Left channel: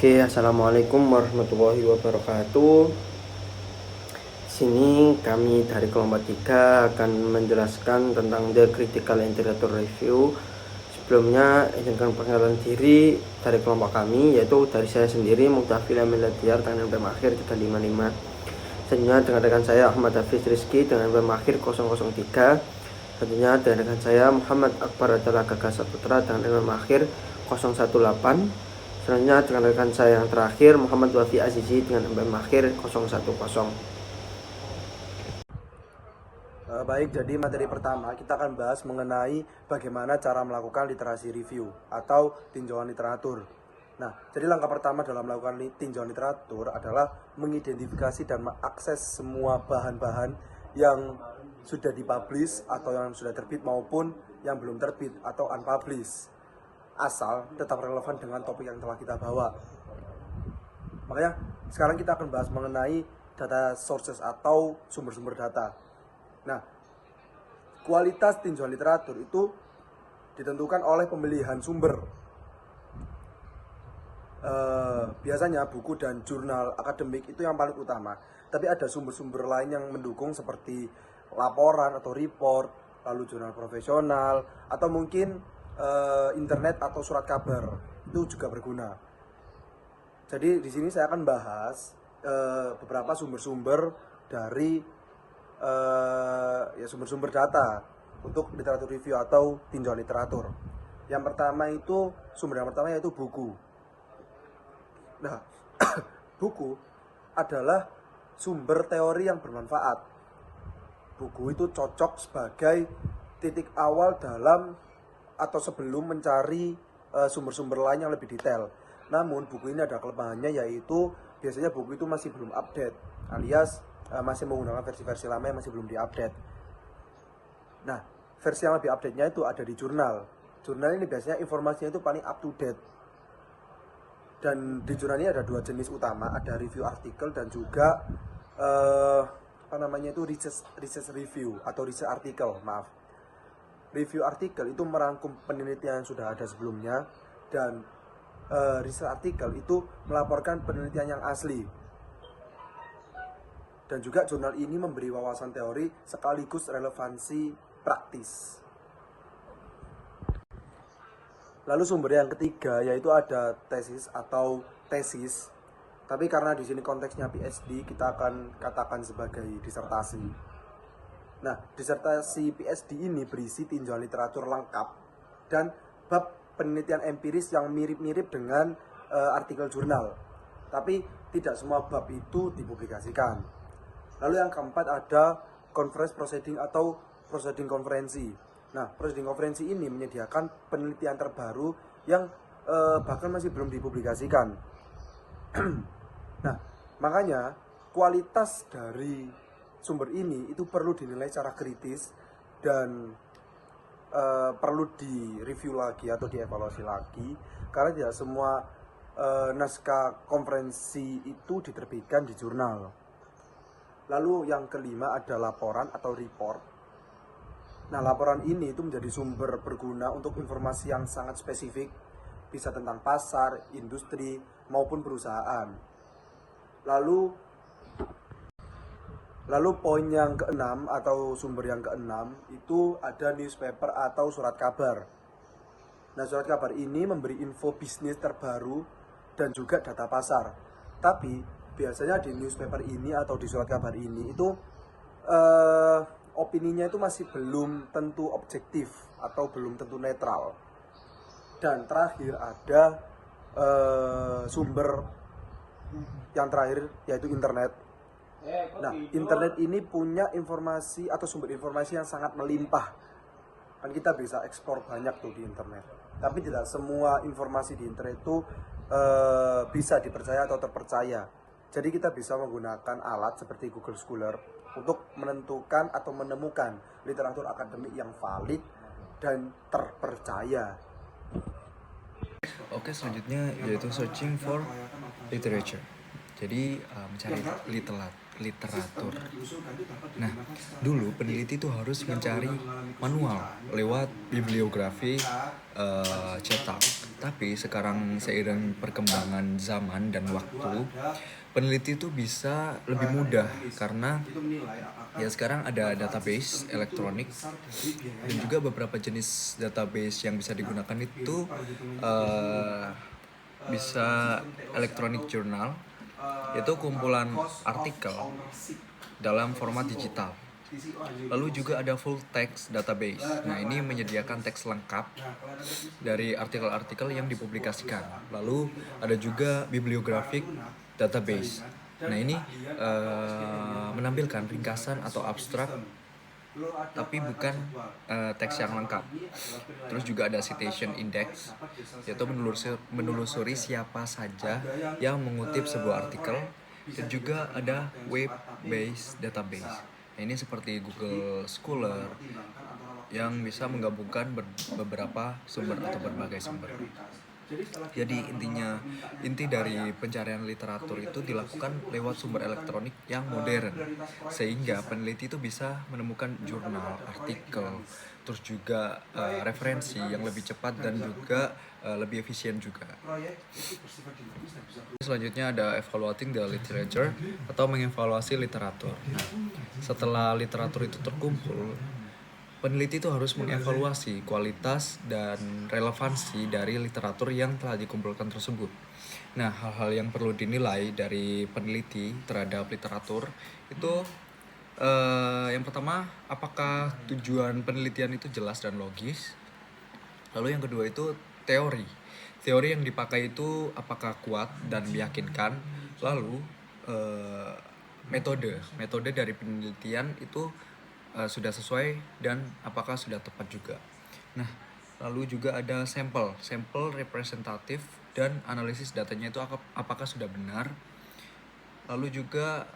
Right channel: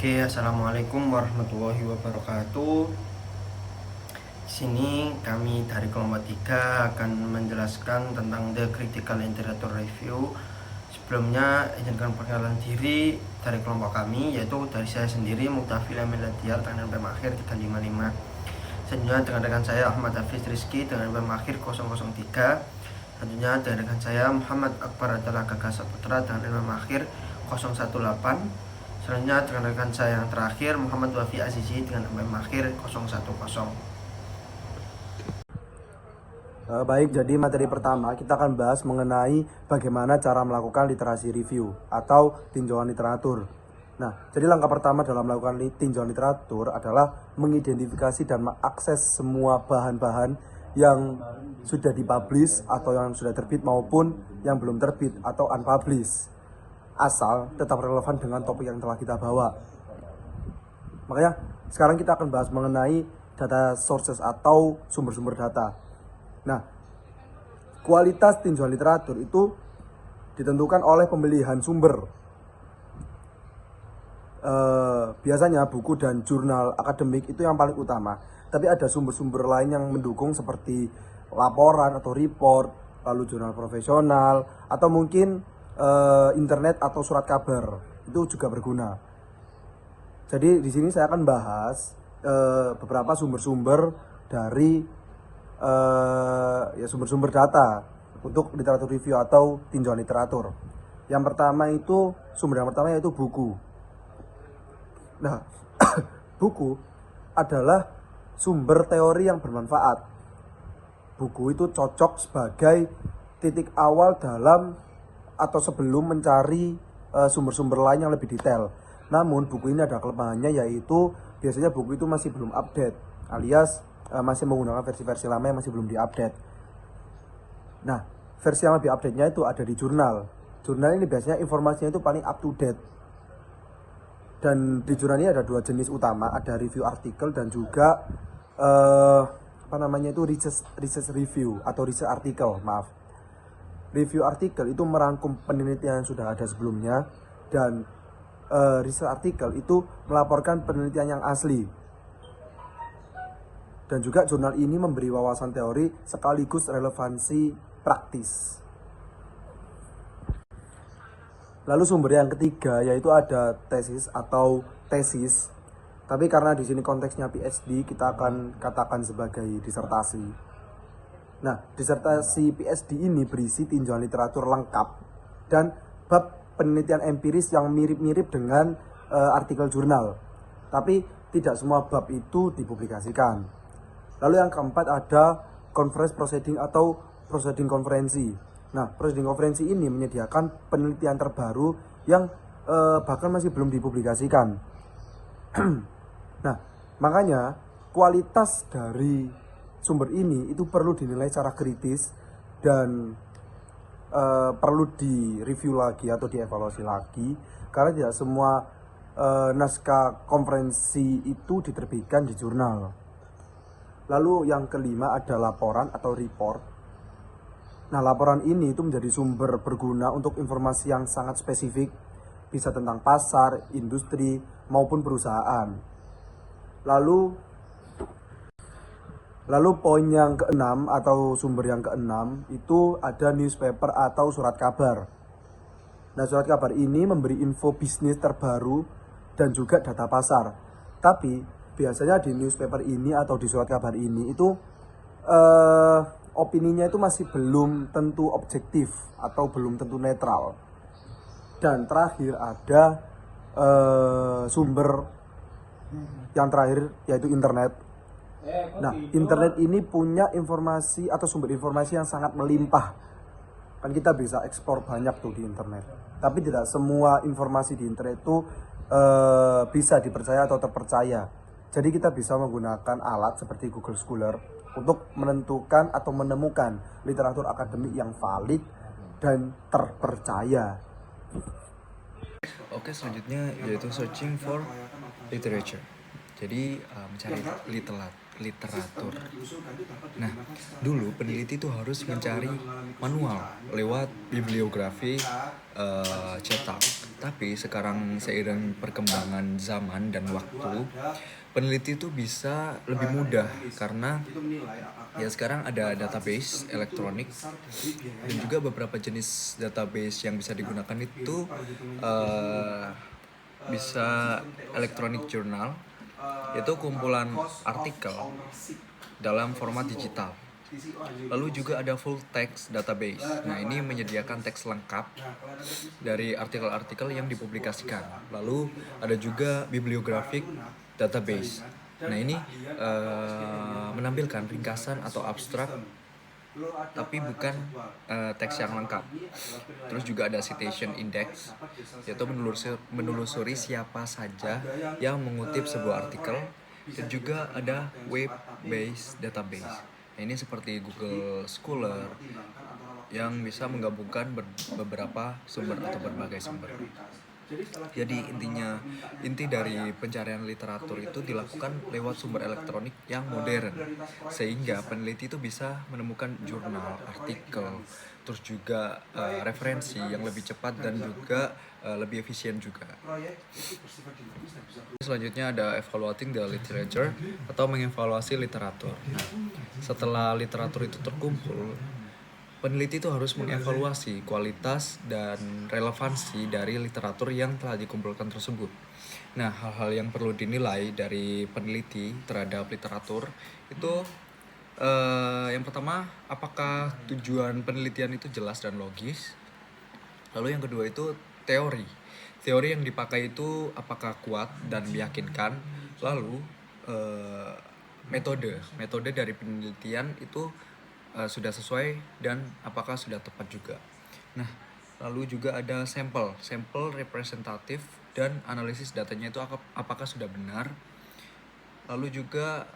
Oke, assalamualaikum warahmatullahi wabarakatuh. Sini kami dari kelompok 3 akan menjelaskan tentang The Critical Literature Review. Sebelumnya izinkan perkenalan diri dari kelompok kami, yaitu dari saya sendiri Muktafil Amiladiar dengan NPM akhir 355. Selanjutnya dengan rekan saya Ahmad Hafiz Rizky dengan NPM akhir 003. Selanjutnya dengan rekan saya Muhammad Akbar Adalah Gagas Saputra dengan NPM akhir 018. Selanjutnya dengan rekan saya yang terakhir Muhammad Wafi Azizi dengan NPM akhir 010. Baik, jadi materi pertama kita akan bahas mengenai bagaimana cara melakukan literasi review atau tinjauan literatur. Nah, jadi langkah pertama dalam melakukan tinjauan literatur adalah mengidentifikasi dan mengakses semua bahan-bahan yang sudah dipublish atau yang sudah terbit maupun yang belum terbit atau unpublished, asal tetap relevan dengan topik yang telah kita bawa. Makanya sekarang kita akan bahas mengenai data sources atau sumber-sumber data. Nah, kualitas tinjauan literatur itu ditentukan oleh pemilihan sumber. Biasanya buku dan jurnal akademik itu yang paling utama. Tapi ada sumber-sumber lain yang mendukung seperti laporan atau report, lalu jurnal profesional, atau mungkin internet atau surat kabar. Itu juga berguna. Jadi di sini saya akan bahas beberapa sumber-sumber dari sumber-sumber data untuk literatur review atau tinjauan literatur. Yang pertama itu sumber yang pertama yaitu buku. Nah, buku adalah sumber teori yang bermanfaat. Buku itu cocok sebagai titik awal dalam atau sebelum mencari sumber-sumber lain yang lebih detail. Namun buku ini ada kelemahannya, yaitu biasanya buku itu masih belum update, alias masih menggunakan versi-versi lama yang masih belum diupdate. Nah, versi yang lebih update-nya itu ada di jurnal. Jurnal ini biasanya informasinya itu paling up to date. Dan di jurnal ini ada dua jenis utama, ada review artikel dan juga research review atau research artikel, maaf. Review artikel itu merangkum penelitian yang sudah ada sebelumnya, dan research artikel itu melaporkan penelitian yang asli. Dan juga jurnal ini memberi wawasan teori sekaligus relevansi praktis. Lalu sumber yang ketiga yaitu ada tesis atau tesis. Tapi karena di sini konteksnya PhD, kita akan katakan sebagai disertasi. Nah, disertasi PhD ini berisi tinjauan literatur lengkap dan bab penelitian empiris yang mirip-mirip dengan artikel jurnal. Tapi tidak semua bab itu dipublikasikan. Lalu yang keempat ada conference proceeding atau proceeding konferensi. Nah, proceeding konferensi ini menyediakan penelitian terbaru yang bahkan masih belum dipublikasikan. Nah, makanya kualitas dari sumber ini itu perlu dinilai secara kritis dan perlu direview lagi atau dievaluasi lagi, karena tidak semua naskah konferensi itu diterbitkan di jurnal. Lalu yang kelima ada laporan atau report. Nah, laporan ini itu menjadi sumber berguna untuk informasi yang sangat spesifik, bisa tentang pasar, industri, maupun perusahaan. Lalu poin yang keenam atau sumber yang keenam itu ada newspaper atau surat kabar. Nah, surat kabar ini memberi info bisnis terbaru dan juga data pasar. Tapi biasanya di newspaper ini atau di surat kabar ini itu opininya itu masih belum tentu objektif atau belum tentu netral. Dan terakhir ada sumber yang terakhir yaitu internet. Nah, internet ini punya informasi atau sumber informasi yang sangat melimpah. Kan kita bisa ekspor banyak tuh di internet. Tapi tidak semua informasi di internet itu bisa dipercaya atau terpercaya. Jadi kita bisa menggunakan alat seperti Google Scholar untuk menentukan atau menemukan literatur akademik yang valid dan terpercaya. Oke, selanjutnya yaitu searching for literature. Jadi mencari literatur. Nah, dulu peneliti itu harus mencari manual lewat bibliografi cetak. Tapi sekarang seiring perkembangan zaman dan waktu, peneliti itu bisa lebih mudah karena ya sekarang ada database elektronik dan juga beberapa jenis database yang bisa digunakan itu bisa electronic journal, yaitu kumpulan artikel dalam format digital. Lalu juga ada full text database. Nah, ini menyediakan teks lengkap dari artikel-artikel yang dipublikasikan. Lalu ada juga bibliographic database. Nah, ini menampilkan ringkasan atau abstrak tapi bukan teks yang lengkap. Terus juga ada citation index, yaitu menelusuri siapa saja yang mengutip sebuah artikel. Dan juga ada web-based database. Nah, ini seperti Google Scholar yang bisa menggabungkan beberapa sumber atau berbagai sumber. Jadi inti dari pencarian literatur itu dilakukan lewat sumber elektronik yang modern, sehingga peneliti itu bisa menemukan jurnal, artikel, terus juga referensi yang lebih cepat dan juga lebih efisien juga. Selanjutnya ada evaluating the literature atau mengevaluasi literatur. Nah, setelah literatur itu terkumpul, peneliti itu harus mengevaluasi kualitas dan relevansi dari literatur yang telah dikumpulkan tersebut. Nah, hal-hal yang perlu dinilai dari peneliti terhadap literatur itu yang pertama, apakah tujuan penelitian itu jelas dan logis. Lalu yang kedua itu teori yang dipakai itu apakah kuat dan meyakinkan. Lalu metode dari penelitian itu sudah sesuai dan apakah sudah tepat juga. Nah, lalu juga ada sampel representatif dan analisis datanya itu apakah sudah benar. Lalu juga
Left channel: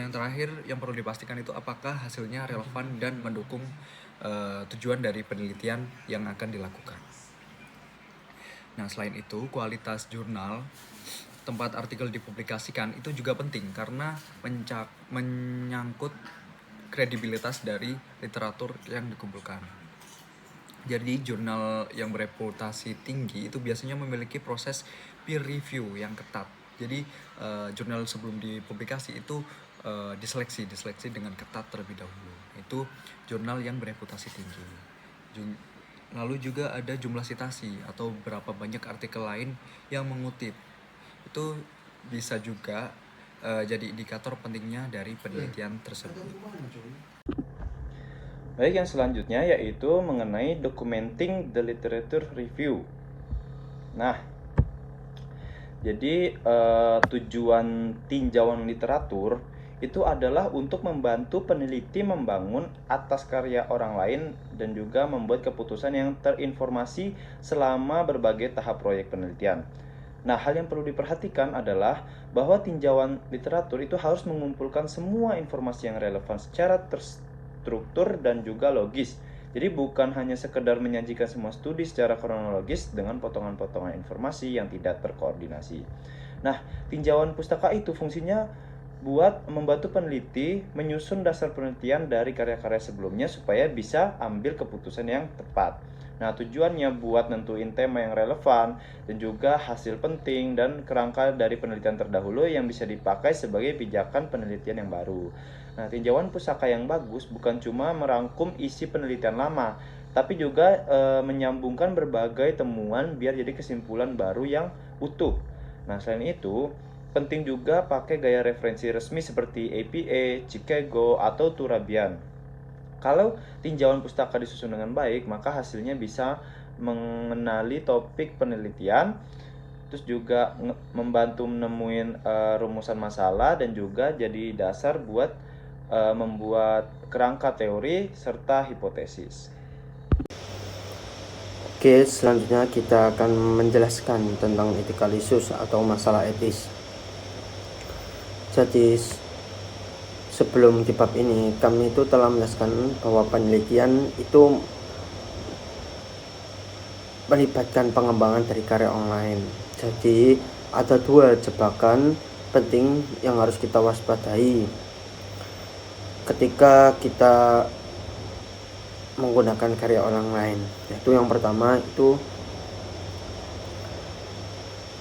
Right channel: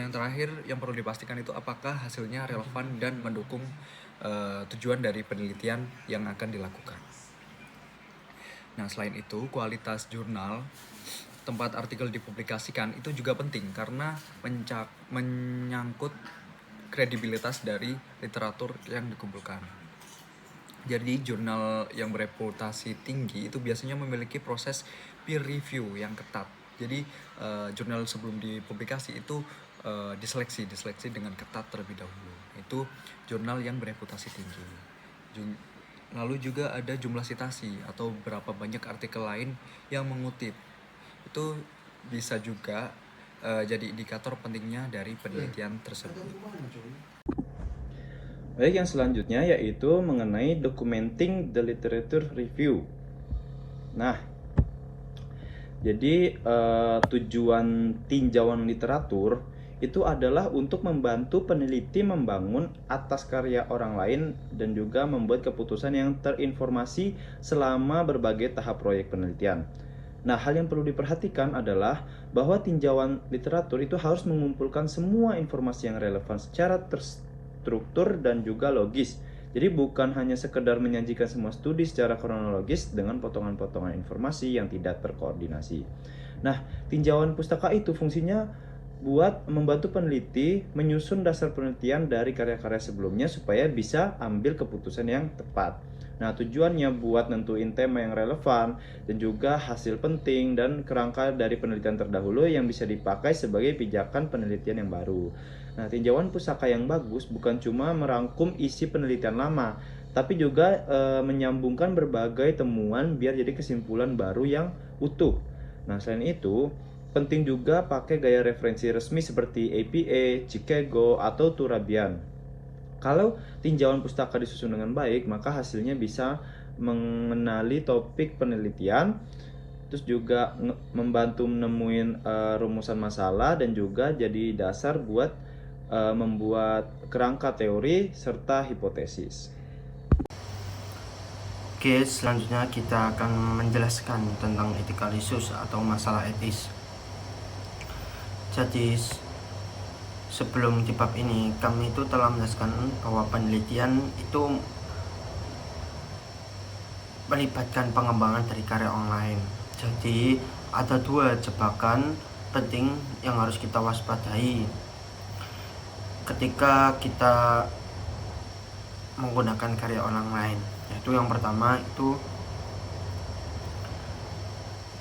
yang terakhir yang perlu dipastikan itu apakah hasilnya relevan dan mendukung tujuan dari penelitian yang akan dilakukan. Nah, selain itu kualitas jurnal tempat artikel dipublikasikan itu juga penting karena menyangkut kredibilitas dari literatur yang dikumpulkan. Jadi jurnal yang bereputasi tinggi itu biasanya memiliki proses peer review yang ketat. Jadi jurnal sebelum dipublikasi itu diseleksi dengan ketat terlebih dahulu. Itu jurnal yang bereputasi tinggi. Lalu juga ada jumlah sitasi atau berapa banyak artikel lain yang mengutip. Itu bisa juga jadi indikator pentingnya dari penelitian tersebut. Baik, yang selanjutnya yaitu mengenai documenting the literature review. Nah, jadi tujuan tinjauan literatur itu adalah untuk membantu peneliti membangun atas karya orang lain dan juga membuat keputusan yang terinformasi selama berbagai tahap proyek penelitian. Nah, hal yang perlu diperhatikan adalah bahwa tinjauan literatur itu harus mengumpulkan semua informasi yang relevan secara terstruktur dan juga logis. Jadi bukan hanya sekedar menyajikan semua studi secara kronologis dengan potongan-potongan informasi yang tidak terkoordinasi. Nah, tinjauan pustaka itu fungsinya buat membantu peneliti menyusun dasar penelitian dari karya-karya sebelumnya supaya bisa ambil keputusan yang tepat. Nah, tujuannya buat nentuin tema yang relevan dan juga hasil penting dan kerangka dari penelitian terdahulu yang bisa dipakai sebagai pijakan penelitian yang baru. Nah, tinjauan pustaka yang bagus bukan cuma merangkum isi penelitian lama, tapi juga menyambungkan berbagai temuan biar jadi kesimpulan baru yang utuh. Nah, selain itu, penting juga pakai gaya referensi resmi seperti APA, Chicago, atau Turabian. Kalau tinjauan pustaka disusun dengan baik, maka hasilnya bisa mengenali topik penelitian, terus juga membantu menemuin rumusan masalah dan juga jadi dasar buat membuat kerangka teori serta hipotesis. Oke, selanjutnya kita akan menjelaskan tentang ethical issues atau masalah etis. Jadi sebelum di bab ini kami itu telah menjelaskan bahwa penelitian itu melibatkan pengembangan dari karya online. Jadi ada dua jebakan penting yang harus kita waspadai ketika kita menggunakan karya orang lain, yaitu yang pertama itu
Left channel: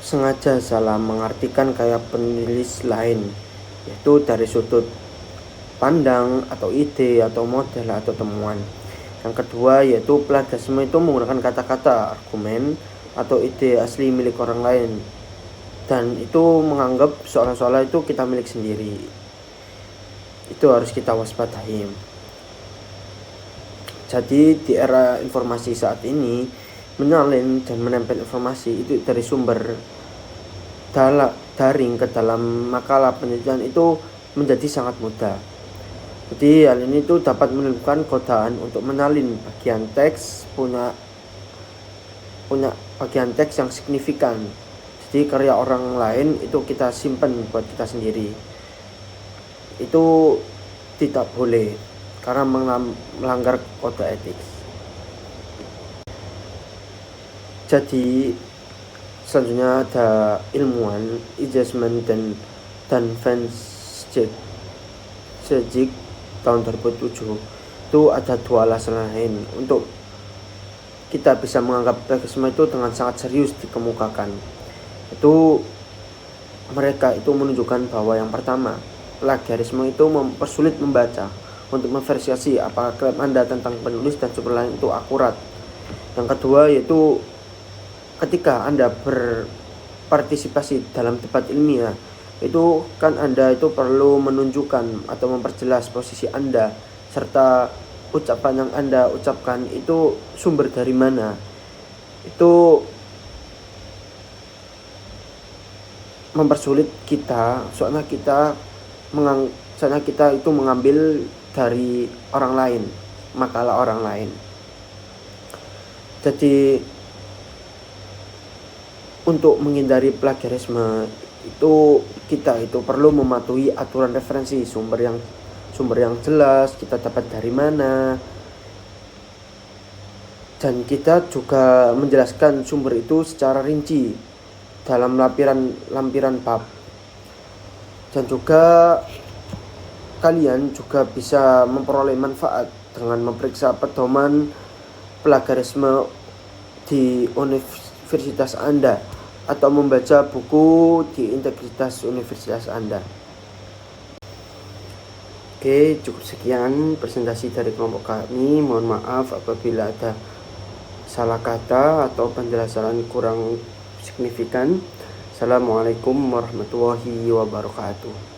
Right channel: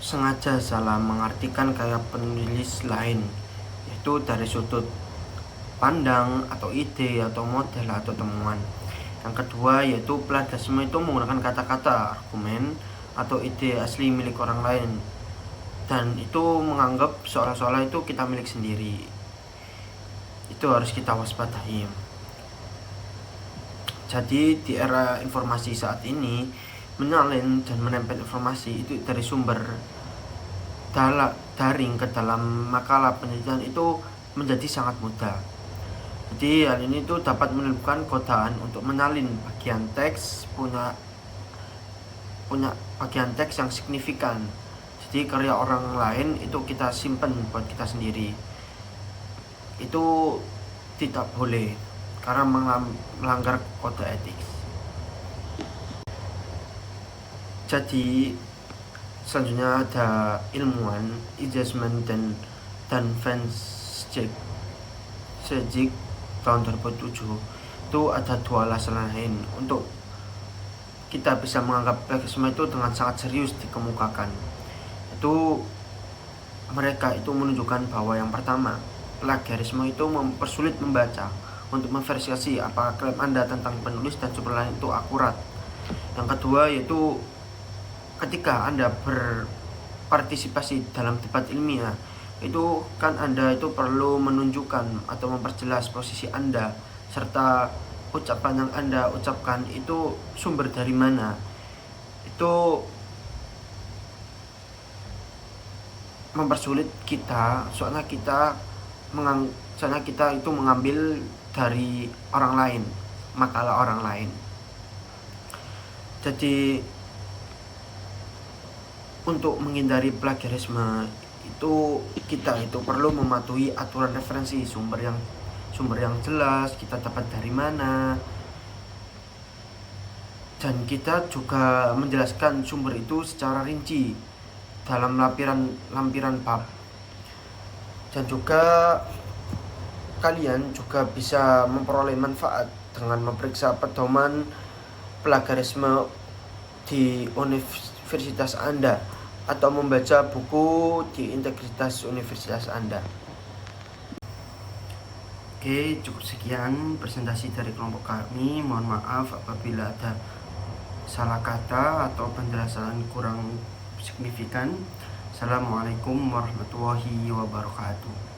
sengaja salah mengartikan karya penulis lain, yaitu dari sudut pandang atau ide atau model atau temuan. Yang kedua yaitu plagiarisme itu menggunakan kata-kata, argumen atau ide asli milik orang lain, dan itu menganggap seolah-olah itu kita milik sendiri. Itu harus kita waspadai. Jadi di era informasi saat ini, menyalin dan menempel informasi itu dari sumber daring ke dalam makalah penelitian itu menjadi sangat mudah. Jadi hal ini itu dapat menimbulkan godaan untuk menyalin bagian teks punya bagian teks yang signifikan. Jadi karya orang lain itu kita simpan buat kita sendiri. Itu tidak boleh karena melanggar kode etik. Jadi selanjutnya ada ilmuwan Eijkman dan Van Schaick tahun 2007. Itu ada dua alasan lain untuk kita bisa menganggap plagiarisme itu dengan sangat serius dikemukakan. Itu mereka itu menunjukkan bahwa yang pertama, plagiarisme itu mempersulit membaca untuk memverifikasi apakah klaim Anda tentang penulis dan sumber lain itu akurat. Yang kedua yaitu ketika Anda berpartisipasi dalam debat ilmiah, itu kan Anda itu perlu menunjukkan atau memperjelas posisi Anda serta ucapan yang Anda ucapkan itu sumber dari mana. Itu mempersulit kita, soalnya kita itu mengambil dari orang lain, makalah orang lain. Jadi untuk menghindari plagiarisme itu kita itu perlu mematuhi aturan referensi, sumber yang jelas, kita dapat dari mana, dan kita juga menjelaskan sumber itu secara rinci dalam lampiran bab. Dan juga kalian juga bisa memperoleh manfaat dengan memeriksa pedoman plagiarisme di universitas Anda atau membaca buku di integritas universitas Anda. Oke, cukup sekian presentasi dari kelompok kami. Mohon maaf apabila ada salah kata atau penjelasan kurang signifikan. Assalamualaikum warahmatullahi wabarakatuh.